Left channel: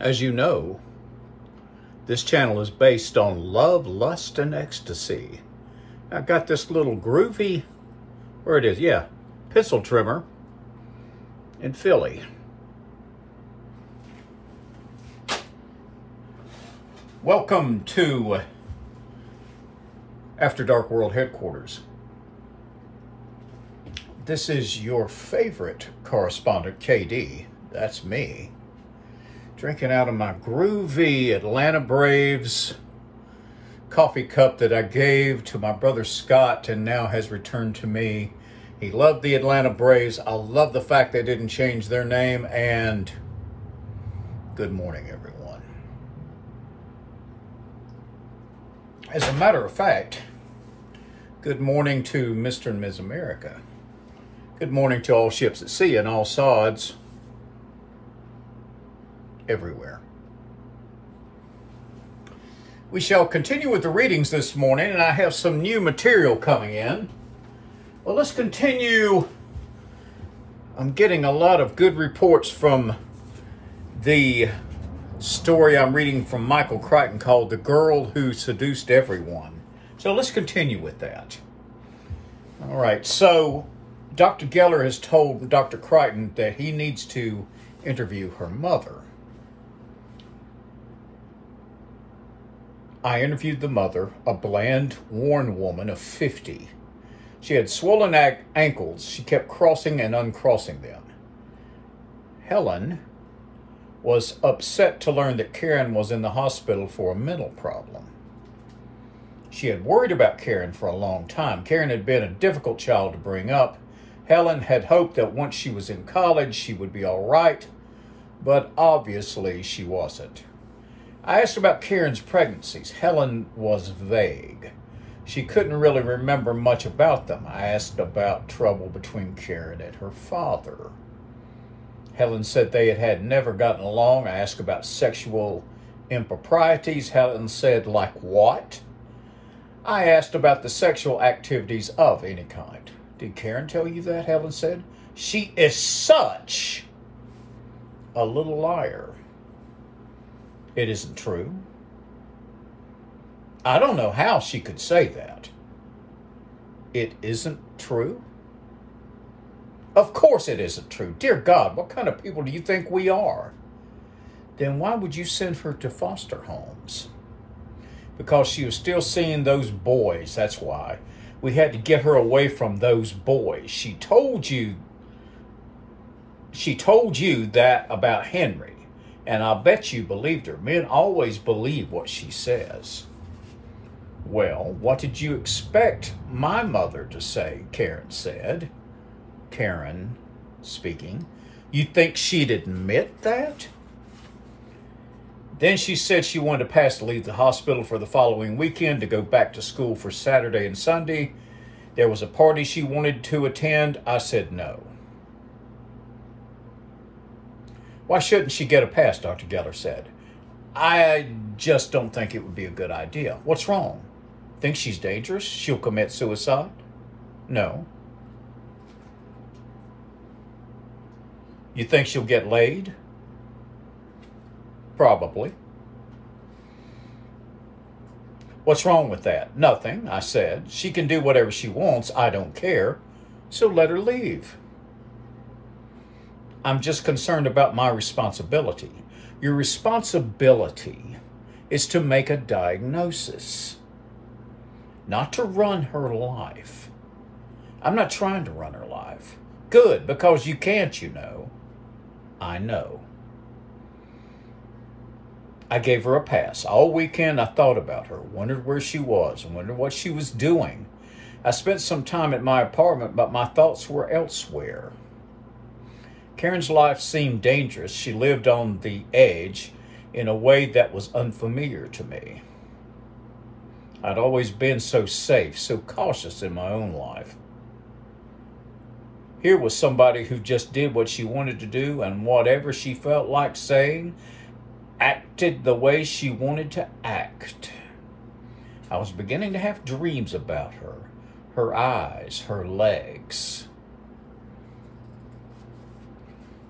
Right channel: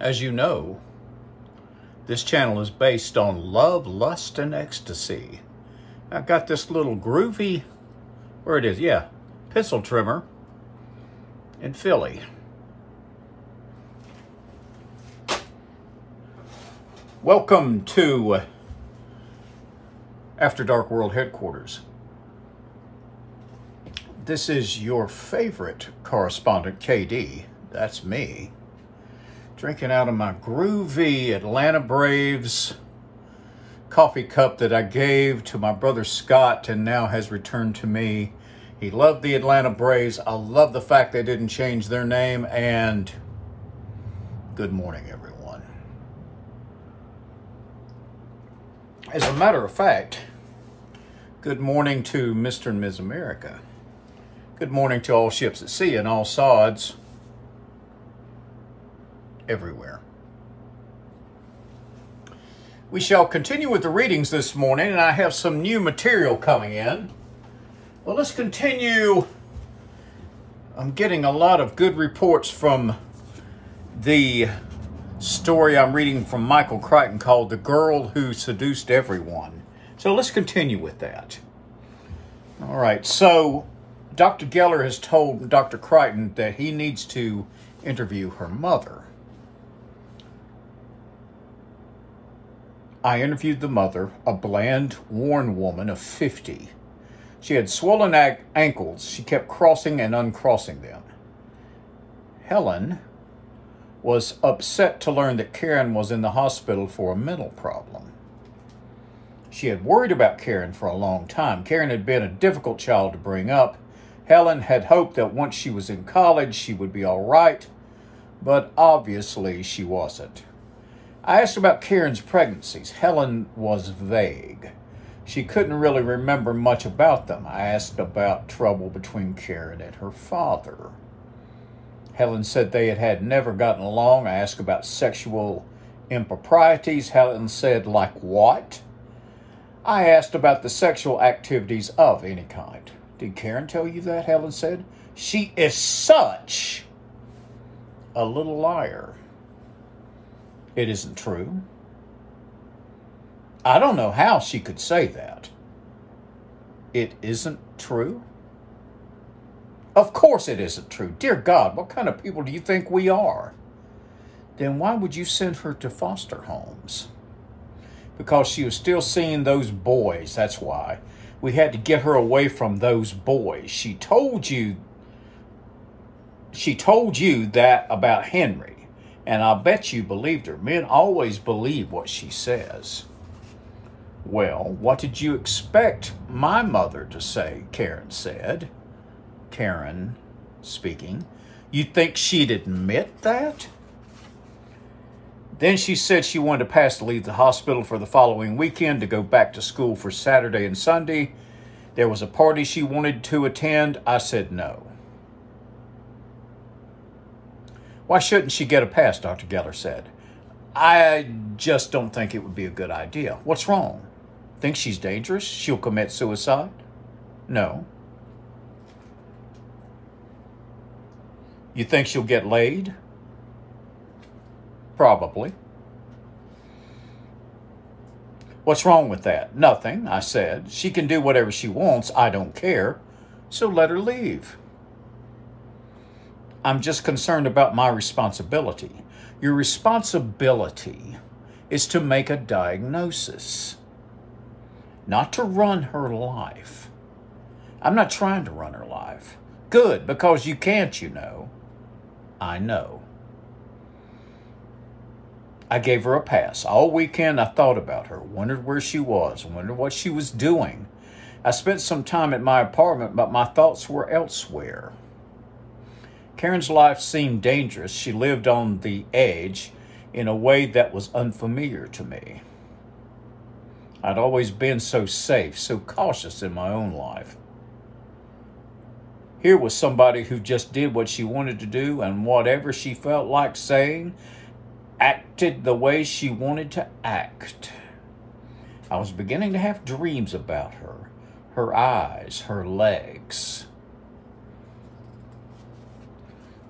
As you know, this channel is based on love, lust, and ecstasy. I got this little groovy, where it is, yeah, pistol trimmer in Philly. Welcome to After Dark World Headquarters. This is your favorite correspondent, KD, that's me, drinking out of my groovy Atlanta Braves coffee cup that I gave to my brother Scott and now has returned to me. He loved the Atlanta Braves. I love the fact they didn't change their name, and good morning, everyone. As a matter of fact, good morning to Mr. and Ms. America. Good morning to all ships at sea and all sods everywhere. We shall continue with the readings this morning, and I have some new material coming in. Well, let's continue. I'm getting a lot of good reports from the story I'm reading from Michael Crichton called The Girl Who Seduced Everyone. So let's continue with that. All right, so Dr. Geller has told Dr. Crichton that he needs to interview her mother. I interviewed the mother, a bland, worn woman of 50. She had swollen ankles. She kept crossing and uncrossing them. Helen was upset to learn that Karen was in the hospital for a mental problem. She had worried about Karen for a long time. Karen had been a difficult child to bring up. Helen had hoped that once she was in college, she would be all right, but obviously she wasn't. I asked about Karen's pregnancies. Helen was vague. She couldn't really remember much about them. I asked about trouble between Karen and her father. Helen said they had never gotten along. I asked about sexual improprieties. Helen said, like what? I asked about the sexual activities of any kind. Did Karen tell you that? Helen said. She is such a little liar. It isn't true. I don't know how she could say that. It isn't true? Of course it isn't true. Dear God, what kind of people do you think we are? Then why would you send her to foster homes? Because she was still seeing those boys, that's why. We had to get her away from those boys. She told you that about Henry. And I'll bet you believed her. Men always believe what she says. Well, what did you expect my mother to say? Karen said. Karen speaking. You think she'd admit that? Then she said she wanted to pass to leave the hospital for the following weekend to go back to school for Saturday and Sunday. There was a party she wanted to attend. I said no. Why shouldn't she get a pass, Dr. Geller said. I just don't think it would be a good idea. What's wrong? Think she's dangerous? She'll commit suicide? No. You think she'll get laid? Probably. What's wrong with that? Nothing, I said. She can do whatever she wants. I don't care. So let her leave. I'm just concerned about my responsibility. Your responsibility is to make a diagnosis, not to run her life. I'm not trying to run her life. Good, because you can't, you know. I know. I gave her a pass. All weekend I thought about her, wondered where she was, wondered what she was doing. I spent some time at my apartment, but my thoughts were elsewhere. Karen's life seemed dangerous. She lived on the edge in a way that was unfamiliar to me. I'd always been so safe, so cautious in my own life. Here was somebody who just did what she wanted to do, and whatever she felt like saying, acted the way she wanted to act. I was beginning to have dreams about her, her eyes, her legs.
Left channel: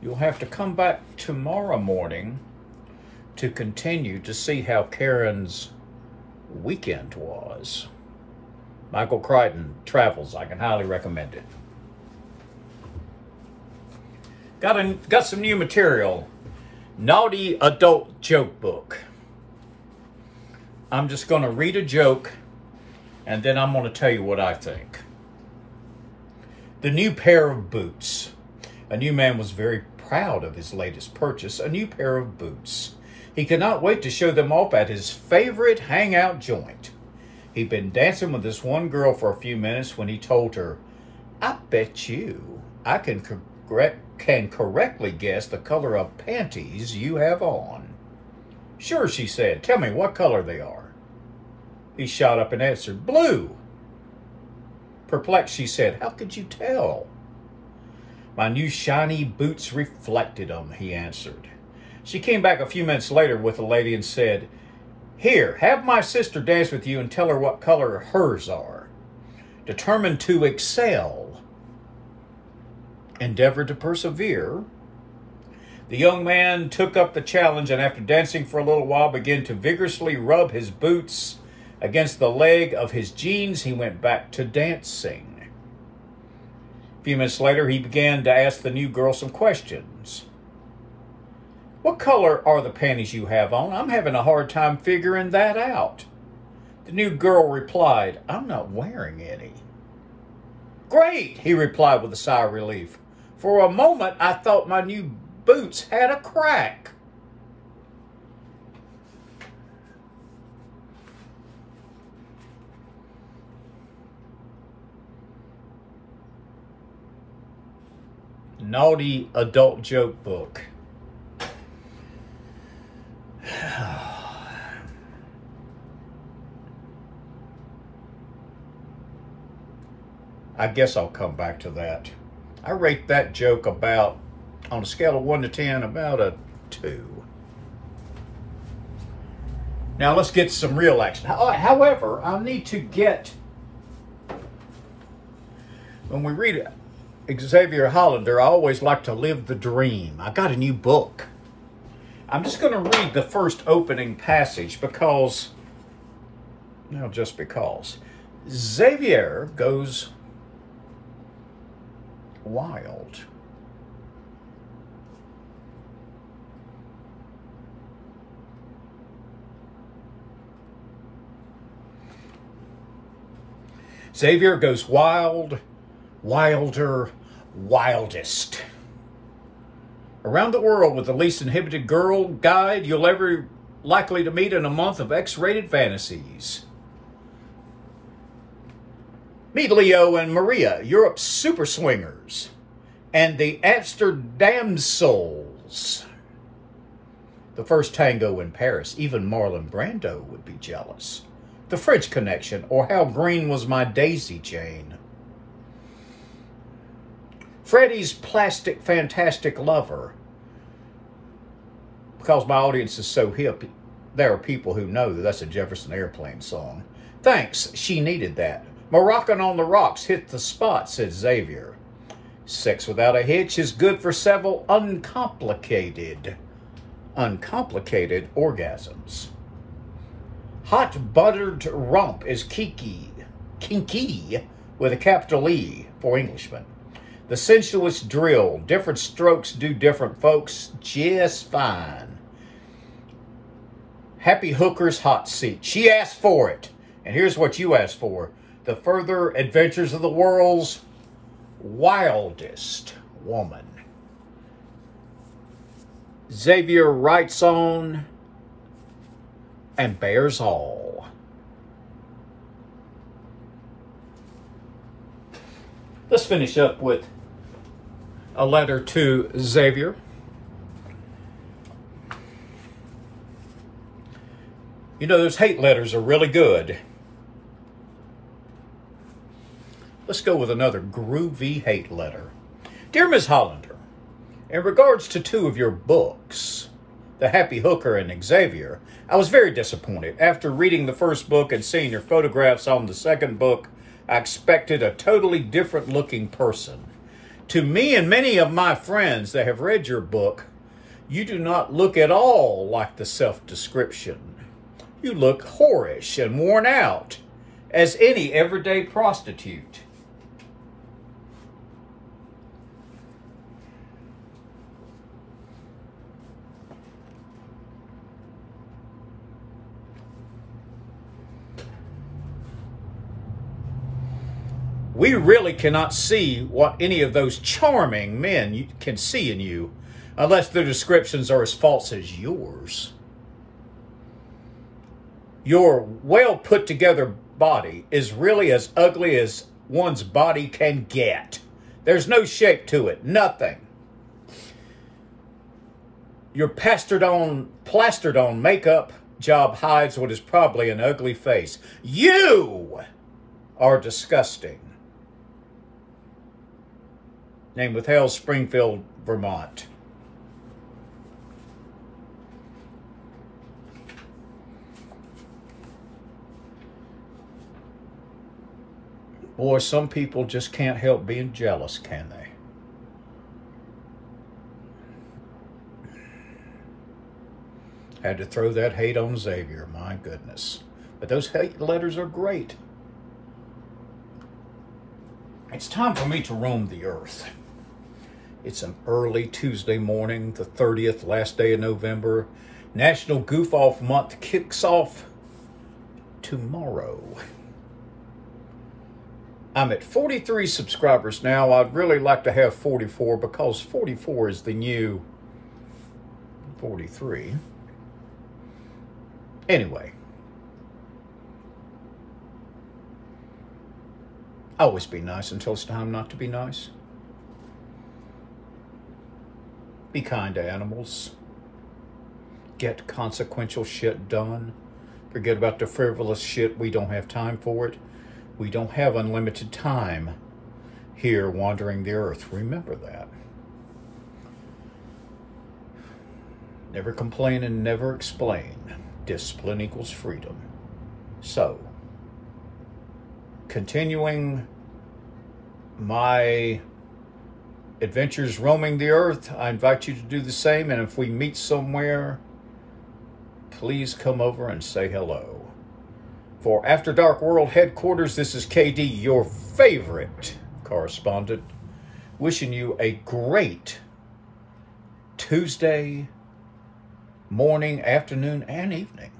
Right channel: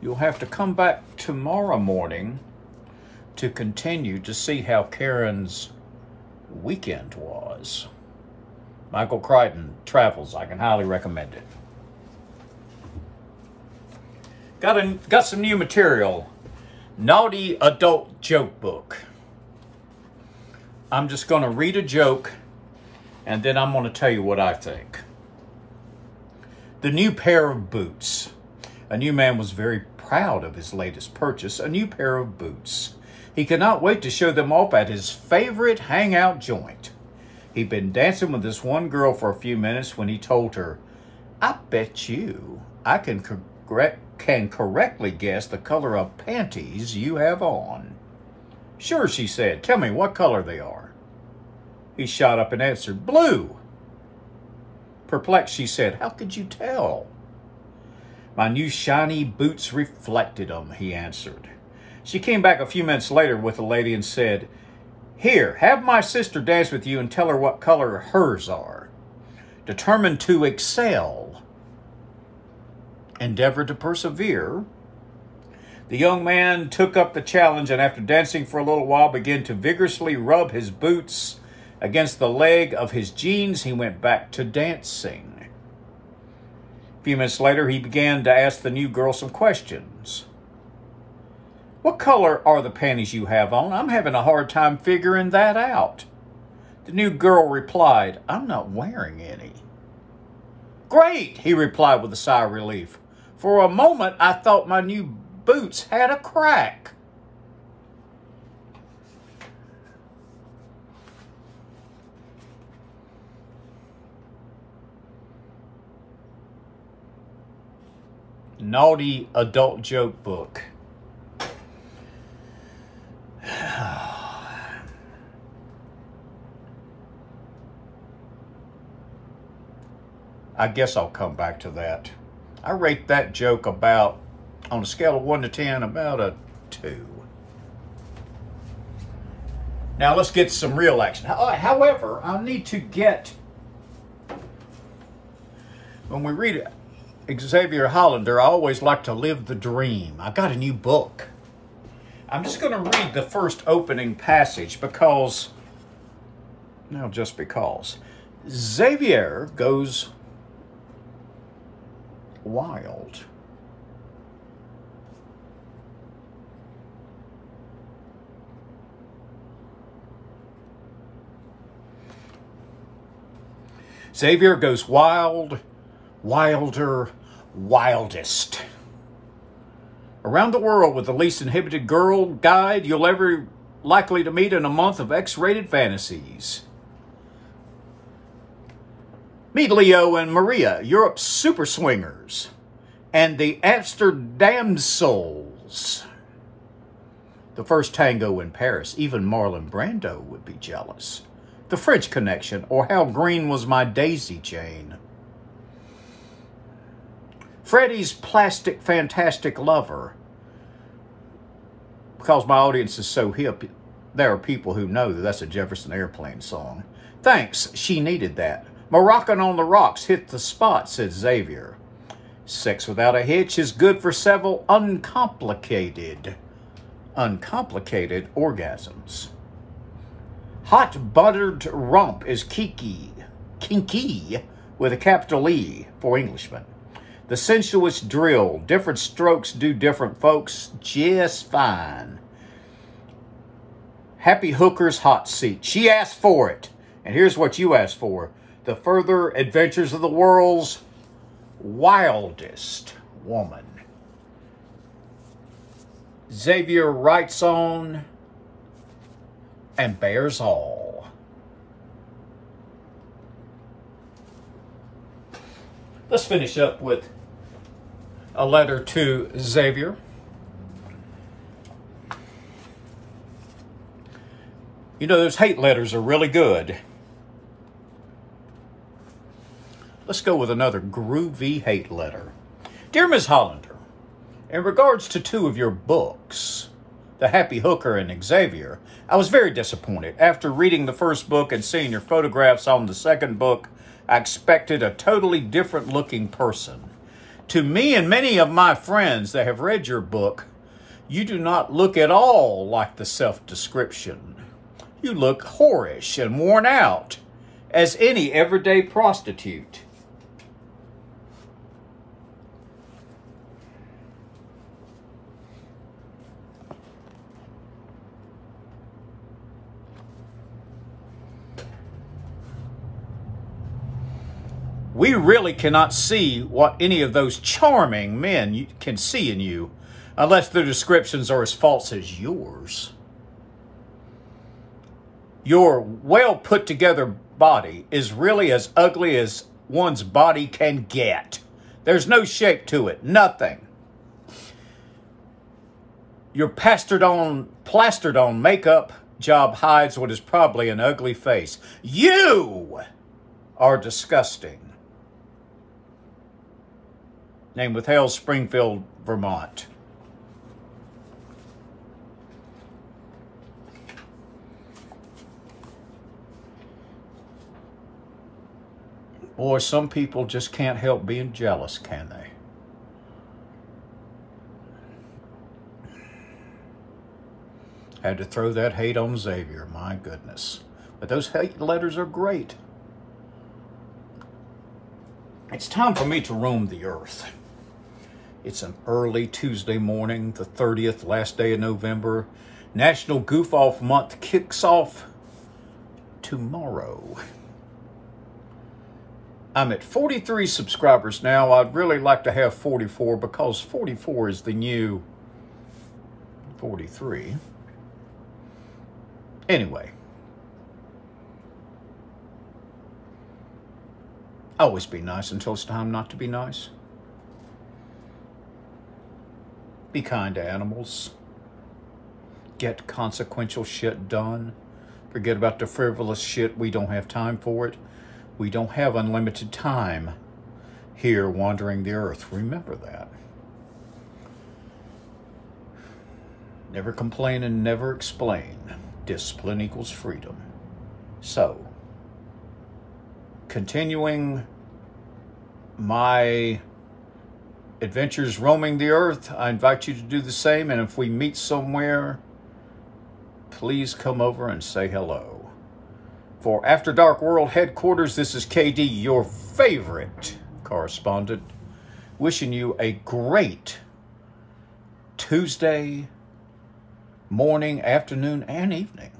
You'll have to come back tomorrow morning to continue to see how Karen's weekend was. Michael Crichton Travels. I can highly recommend it. Got some new material. Naughty Adult Joke Book. I'm just going to read a joke, and then I'm going to tell you what I think. The new pair of boots. A new man was very proud of his latest purchase, a new pair of boots. He could not wait to show them off at his favorite hangout joint. He'd been dancing with this one girl for a few minutes when he told her, "I bet you I can correctly guess the color of panties you have on." "Sure," she said. "Tell me what color they are." He shot up and answered, "Blue." Perplexed, she said, "How could you tell?" "My new shiny boots reflected them," he answered. She came back a few minutes later with a lady and said, "Here, have my sister dance with you and tell her what color hers are." Determined to excel, endeavored to persevere, the young man took up the challenge and after dancing for a little while began to vigorously rub his boots against the leg of his jeans. He went back to dancing. A few minutes later, he began to ask the new girl some questions. "What color are the panties you have on? I'm having a hard time figuring that out." The new girl replied, "I'm not wearing any." "Great," he replied with a sigh of relief. "For a moment, I thought my new boots had a crack." Naughty Adult Joke Book. I guess I'll come back to that. I rate that joke about, on a scale of 1 to 10, about a 2. Now let's get some real action. However, I need to get, when we read Xavier Hollander, I always like to live the dream. I got a new book. I'm just going to read the first opening passage because, well, just because. Xavier goes wild. Xavier goes wild, wilder, wildest. Around the world with the least inhibited girl guide you'll ever likely to meet in a month of X-rated fantasies. Meet Leo and Maria, Europe's super swingers, and the Amsterdam Souls. The first tango in Paris, even Marlon Brando would be jealous. The French Connection, or How Green Was My Daisy Chain. Freddie's Plastic Fantastic Lover. Because my audience is so hip, there are people who know that that's a Jefferson Airplane song. Thanks, she needed that. Moroccan on the Rocks hit the spot, said Xavier. Sex without a hitch is good for several uncomplicated orgasms. Hot buttered rump is kinky with a capital E for Englishmen. The sensuous drill, different strokes do different folks just fine. Happy hooker's hot seat. She asked for it. And here's what you asked for. The further adventures of the world's wildest woman. Xavier writes on and bears all. Let's finish up with a letter to Xavier. You know, those hate letters are really good. Let's go with another groovy hate letter. Dear Ms. Hollander, in regards to 2 of your books, The Happy Hooker and Xavier, I was very disappointed. After reading the first book and seeing your photographs on the second book, I expected a totally different looking person. To me and many of my friends that have read your book, You do not look at all like the self-description. You look whorish and worn out, as any everyday prostitute. We really cannot see what any of those charming men can see in you, unless their descriptions are as false as yours. Your well put together body is really as ugly as one's body can get. There's no shape to it, nothing. Your plastered on makeup job hides what is probably an ugly face. You are disgusting. Name withheld, Springfield, Vermont. Boy, some people just can't help being jealous, can they? Had to throw that hate on Xavier, my goodness. But those hate letters are great. It's time for me to roam the earth. It's an early Tuesday morning, the 30th, last day of November. National Goof Off Month kicks off tomorrow. I'm at 43 subscribers now. I'd really like to have 44 because 44 is the new 43. Anyway. Always be nice until it's time not to be nice. Be kind to animals. Get consequential shit done. Forget about the frivolous shit. We don't have time for it. We don't have unlimited time here wandering the earth. Remember that. Never complain and never explain. Discipline equals freedom. So, continuing my adventures roaming the earth, I invite you to do the same. And if we meet somewhere, please come over and say hello. For After Dark World Headquarters, this is KD, your favorite correspondent, wishing you a great Tuesday morning, afternoon, and evening.